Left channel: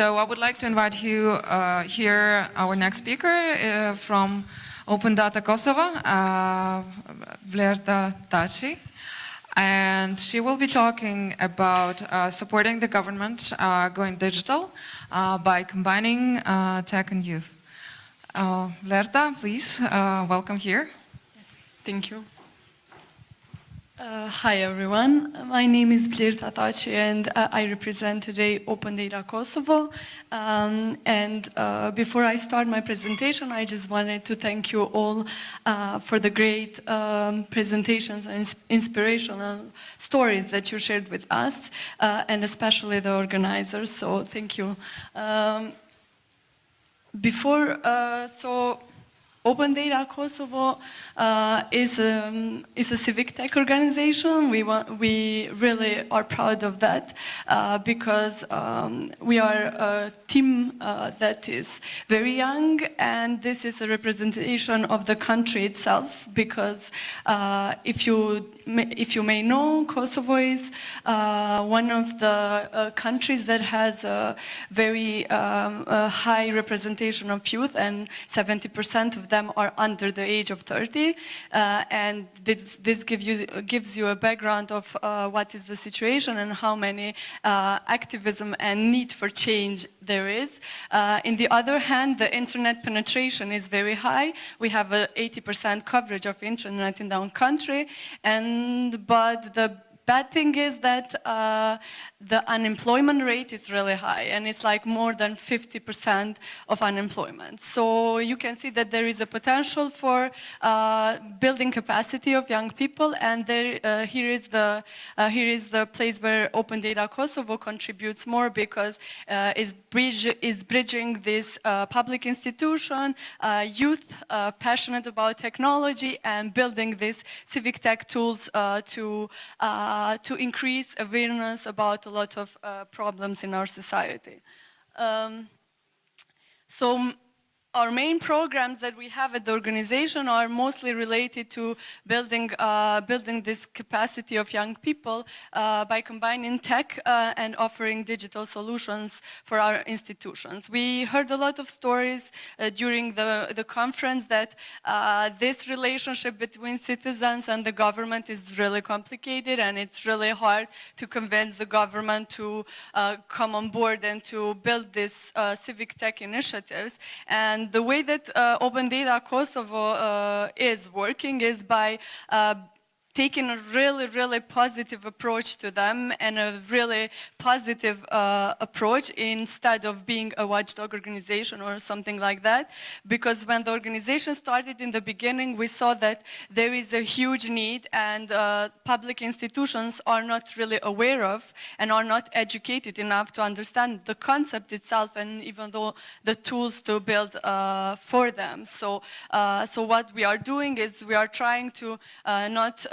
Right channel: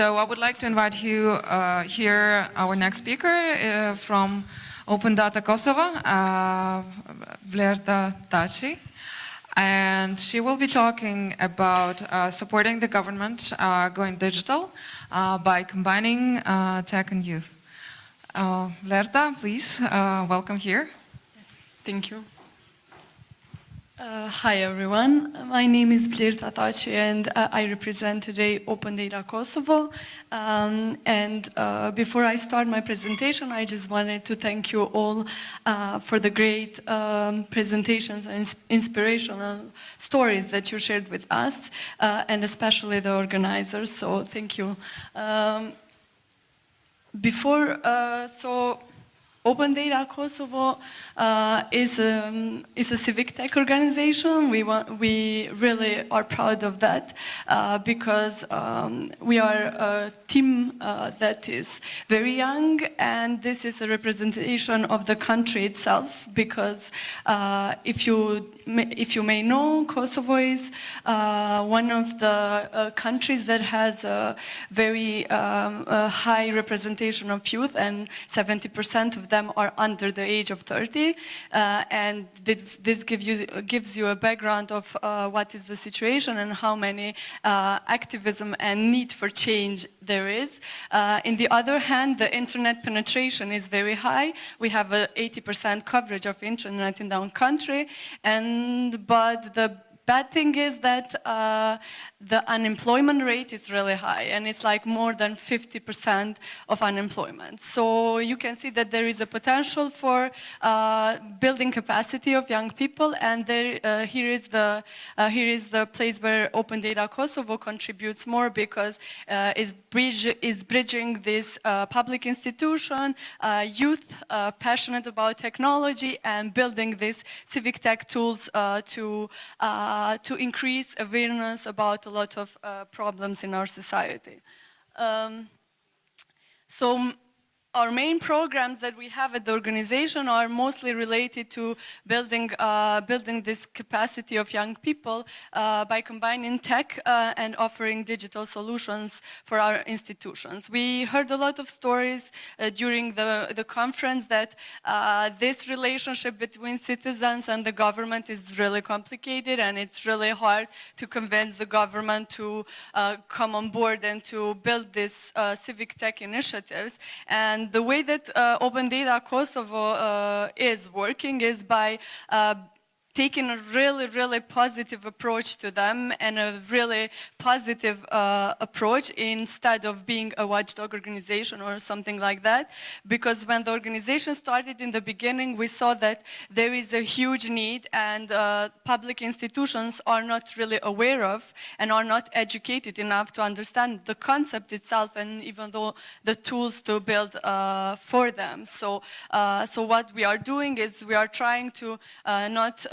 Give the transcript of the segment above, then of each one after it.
So I would like to invite you here, our next speaker from Open Data Kosovo, Blerta Thaçi. And she will be talking about supporting the government going digital by combining tech and youth. Blerta, please, welcome here. Yes, thank you. Hi everyone, my name is Blerta Thaçi and I represent today Open Data Kosovo. Before I start my presentation, I just wanted to thank you all for the great presentations and inspirational stories that you shared with us, and especially the organizers, so thank you. Open Data Kosovo is a civic tech organization. We really are proud of that because we are a team that is very young, and this is a representation of the country itself. Because if you may know, Kosovo is one of the countries that has a very high representation of youth, and 70% of them are under the age of 30, and this gives you a background of what is the situation and how many activism and need for change there is. In the other hand, the internet penetration is very high. We have 80% coverage of internet in our country, but the bad thing is that the unemployment rate is really high, and it's like more than 50% of unemployment. So you can see that there is a potential for building capacity of young people, and here is the place where Open Data Kosovo contributes more, because is bridging this public institution, youth passionate about technology, and building these civic tech tools to increase awareness about a lot of problems in our society. Our main programs that we have at the organization are mostly related to building this capacity of young people by combining tech and offering digital solutions for our institutions. We heard a lot of stories during the conference that this relationship between citizens and the government is really complicated, and it's really hard to convince the government to come on board and to build these civic tech initiatives. And the way that Open Data Kosovo is working is by taking a really positive approach to them, and a really positive approach, instead of being a watchdog organization or something like that. Because when the organization started in the beginning, we saw that there is a huge need, and public institutions are not really aware of and are not educated enough to understand the concept itself, and even though the tools to build for them. So what we are doing is we are trying to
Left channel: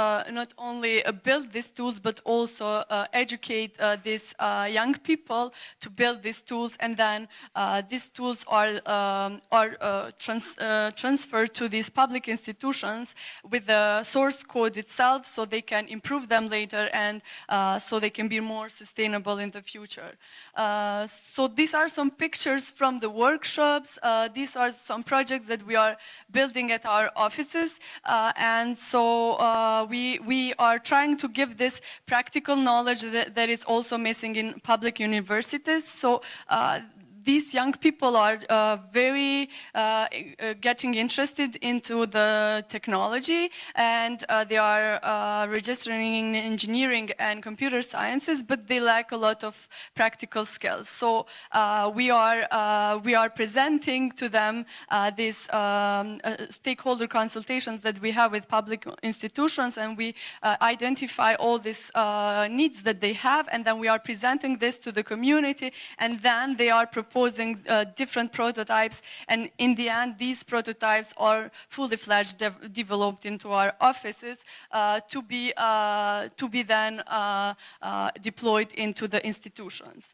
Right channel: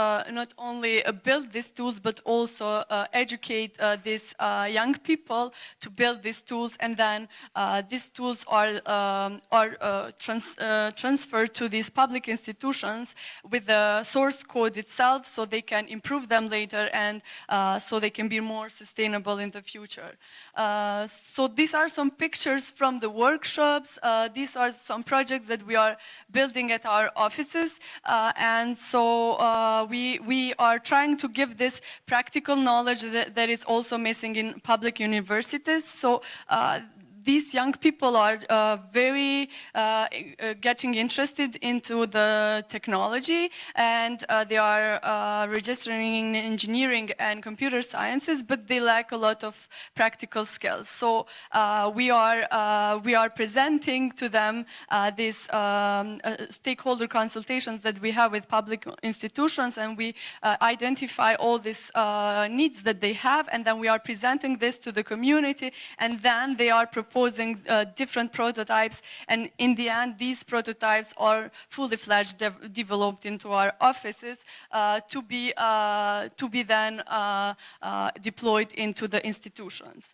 not only build these tools, but also educate these young people to build these tools, and then these tools are transferred to these public institutions with the source code itself, so they can improve them later, and so they can be more sustainable in the future. So these are some pictures from the workshops. These are some projects that we are building at our offices, and so we are trying to give this practical knowledge that is also missing in public universities. So these young people are very getting interested into the technology, and they are registering in engineering and computer sciences, but they lack a lot of practical skills. So we are presenting to them these stakeholder consultations that we have with public institutions, and we identify all these needs that they have, and then we are presenting this to the community, and then they are proposing different prototypes, and in the end these prototypes are fully fledged developed into our offices to be then deployed into the institutions.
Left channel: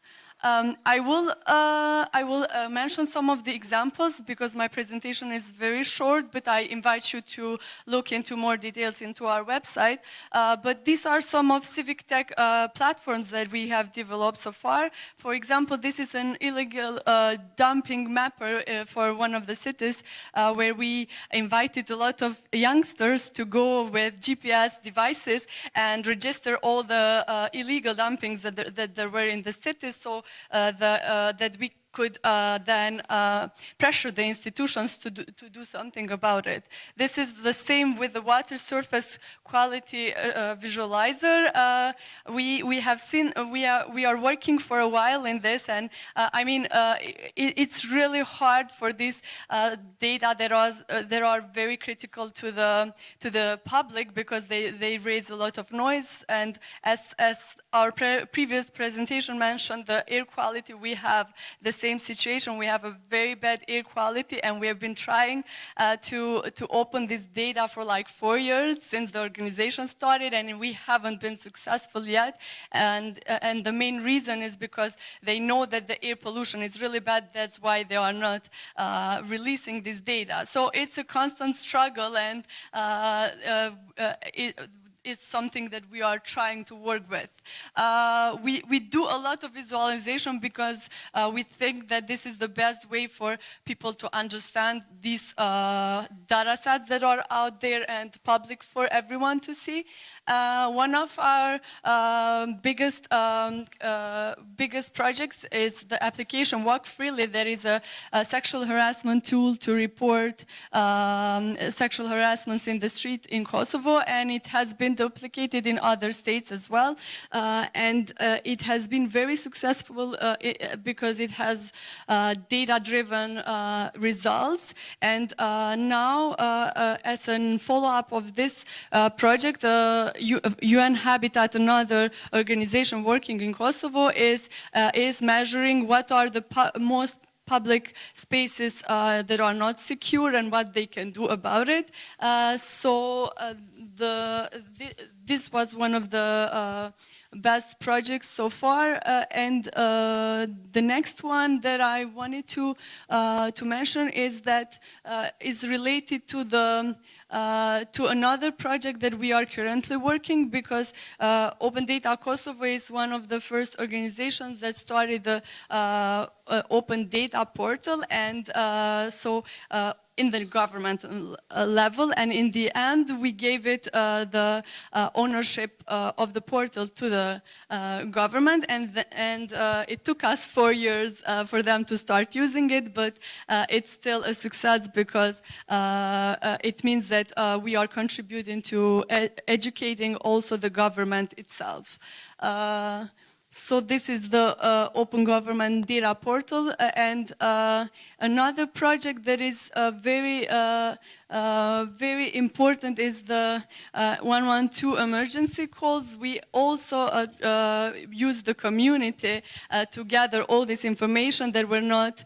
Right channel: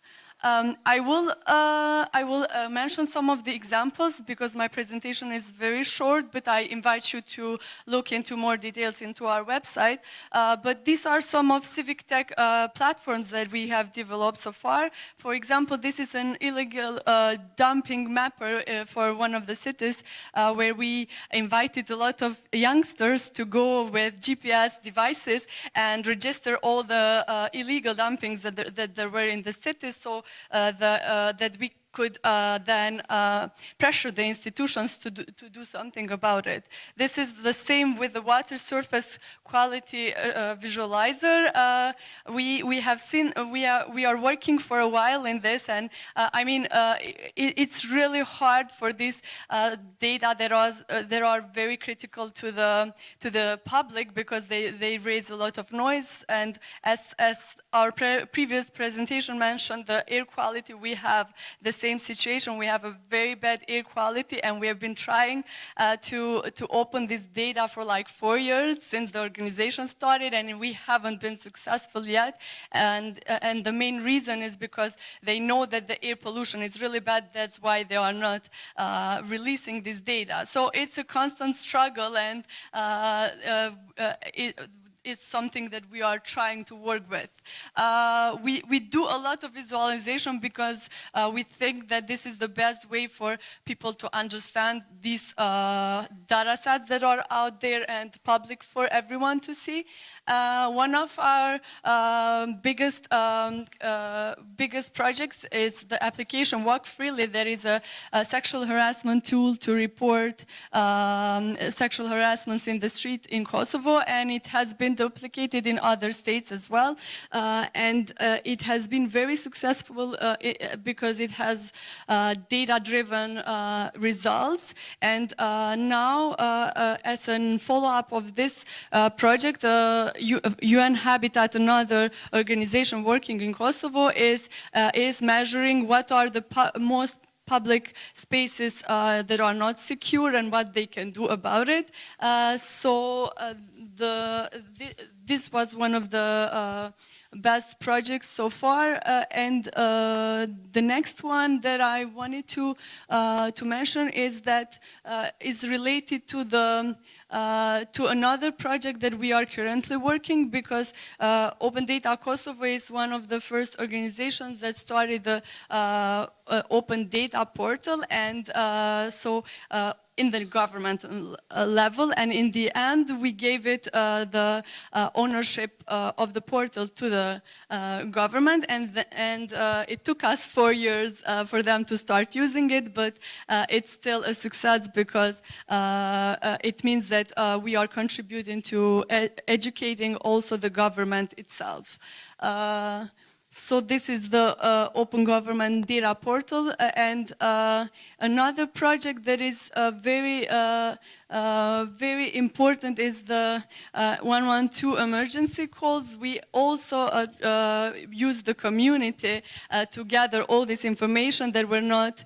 I will mention some of the examples because my presentation is very short, but I invite you to look into more details into our website. But these are some of civic tech platforms that we have developed so far. For example, this is an illegal dumping mapper for one of the cities where we invited a lot of youngsters to go with GPS devices and register all the illegal dumpings that there were in the city, so that we could then pressure the institutions to do something about it. This is the same with the water surface quality visualizer. We have seen we are working for a while in this, and I mean it's really hard for this data that are very critical to the public because they raise a lot of noise, and as our previous presentation mentioned, the air quality, we have the same situation. We have a very bad air quality, and we have been trying to open this data for like 4 years since the organization started, and we haven't been successful yet. And the main reason is because they know that the air pollution is really bad. That's why they are not releasing this data. So it's a constant struggle, and is something that we are trying to work with. We do a lot of visualization because we think that this is the best way for people to understand these data sets that are out there and public for everyone to see. One of our biggest projects is the application Walk Freely. That is a sexual harassment tool to report sexual harassments in the street in Kosovo, and it has been duplicated in other states as well. And it has been very successful because it has data-driven results. And now, as a follow-up of this project, UN Habitat, another organization working in Kosovo, is measuring what are the most public spaces that are not secure and what they can do about it. This was one of the best projects so far, and the next one that I wanted to mention is that is related to the to another project that we are currently working, because Open Data Kosovo is one of the first organizations that started the Open Data portal, and so in the government level, and in the end we gave it the ownership of the portal to the government, and it took us 4 years for them to start using it, but it's still a success because it means that we are contributing to educating also the government itself. So this is the Open Government Data Portal, and another project that is very important is the 112 emergency calls. We also use the community to gather all this information that were not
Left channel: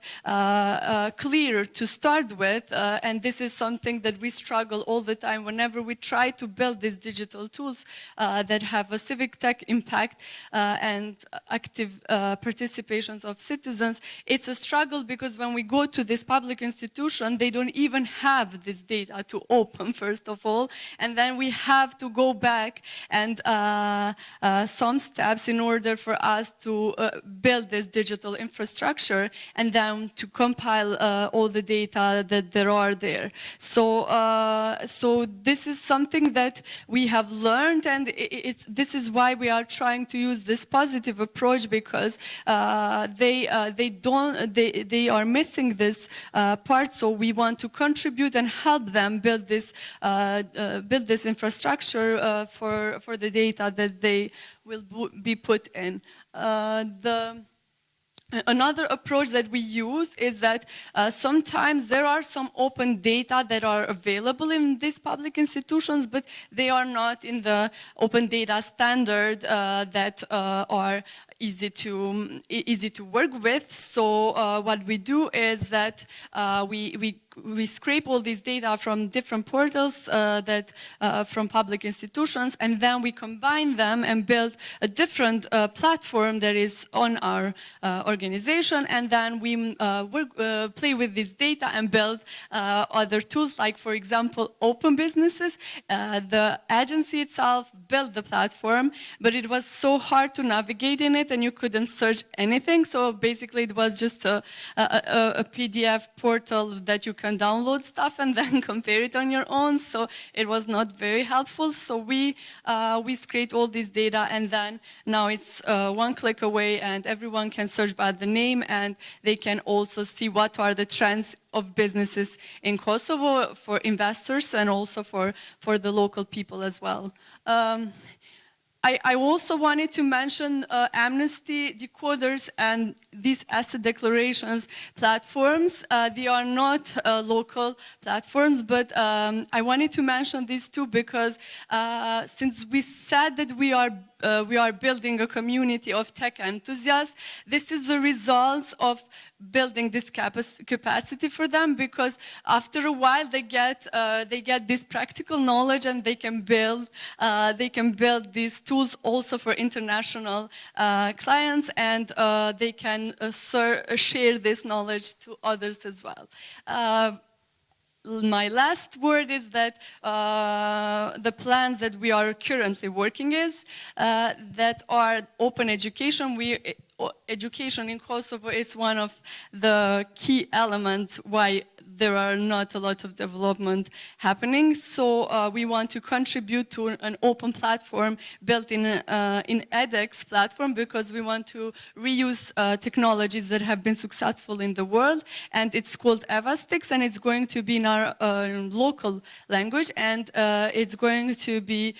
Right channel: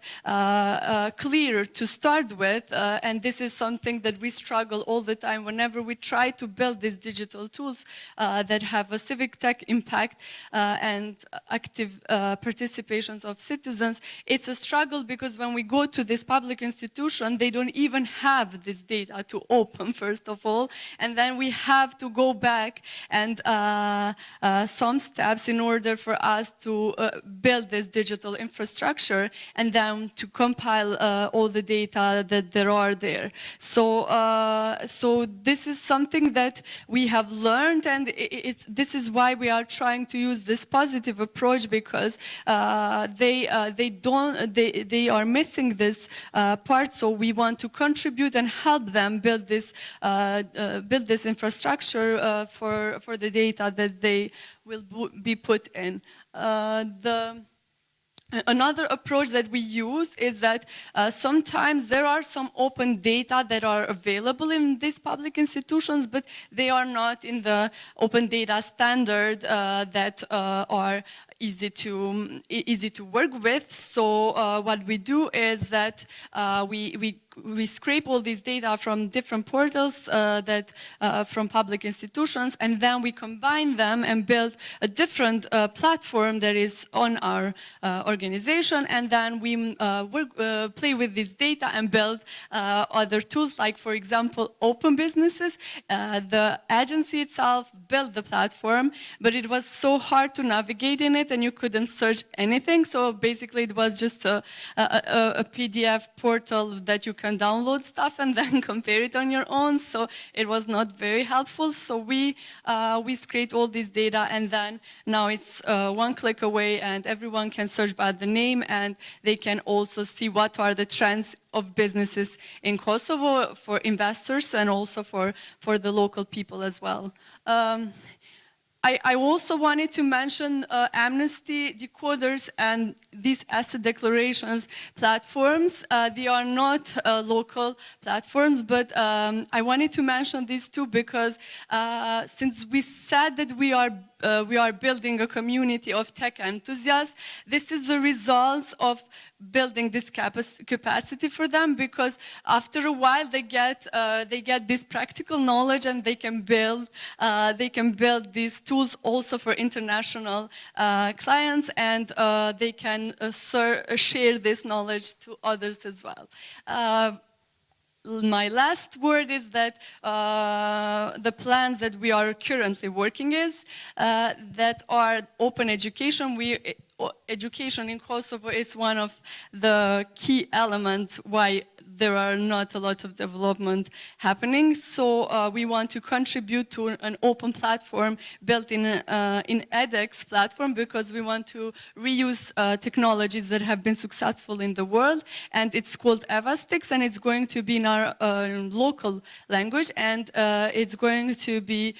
clear to start with, and this is something that we struggle all the time whenever we try to build these digital tools that have a civic tech impact and active participations of citizens. It's a struggle because when we go to this public institution, they don't even have this data to open, first of all, and then we have to go back and some steps in order for us to build this digital infrastructure and then to compile all the data that there are there. So this is something that we have learned, and this is why we are trying to use this positive approach, because they are missing this part. So we want to contribute and help them build this infrastructure for the data that they will be put in. Another approach that we use is that sometimes there are some open data that are available in these public institutions, but they are not in the open data standard that are easy to work with. So what we do is that we scrape all this data from different portals from public institutions, and then we combine them and build a different platform that is on our organization, and then we play with this data and build other tools, like, for example, open businesses. The agency itself built the platform, but it was so hard to navigate in it, and you couldn't search anything. So basically it was just a PDF portal that you can download stuff and then compare it on your own. So it was not very helpful. So we scraped all this data, and then now it's one click away, and everyone can search by the name, and they can also see what are the trends of businesses in Kosovo for investors and also for the local people as well. I also wanted to mention Amnesty decoders and these asset declarations platforms. They are not local platforms, but I wanted to mention these two because since we said that we are building a community of tech enthusiasts, this is the result of building this capacity for them, because after a while they get this practical knowledge, and they can build these tools also for international clients, and they can share this knowledge to others as well. My last word is that the plans that we are currently working is that are open education. Education in Kosovo is one of the key elements why there are not a lot of development happening. So we want to contribute to an open platform built in edX platform, because we want to reuse technologies that have been successful in the world. And it's called Evastix, and it's going to be in our local language, and it's going to be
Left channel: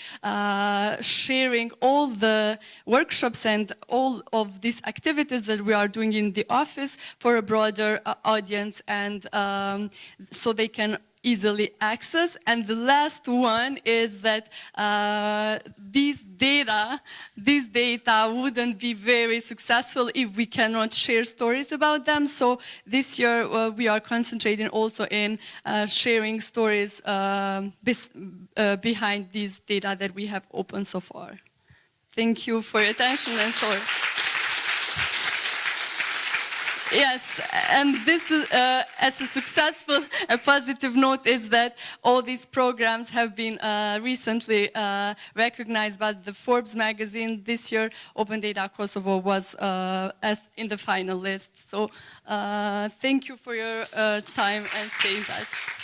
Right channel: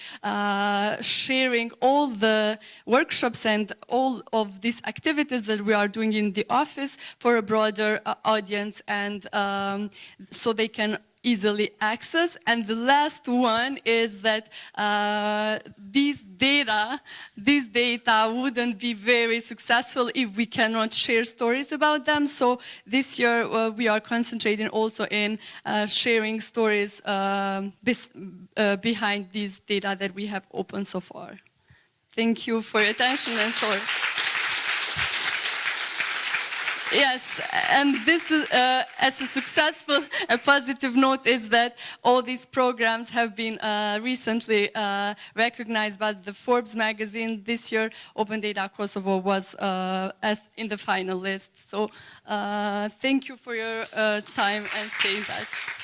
sharing all the workshops and all of these activities that we are doing in the office for a broader audience, and so they can easily access. And the last one is that these data wouldn't be very successful if we cannot share stories about them. So this year we are concentrating also in sharing stories behind these data that we have opened so far. Thank you for your attention, and sorry. Yes, and this is, as a successful and positive note, is that all these programs have been recently recognized by the Forbes magazine. This year, Open Data Kosovo was in the final list. So thank you for your time, and stay in touch.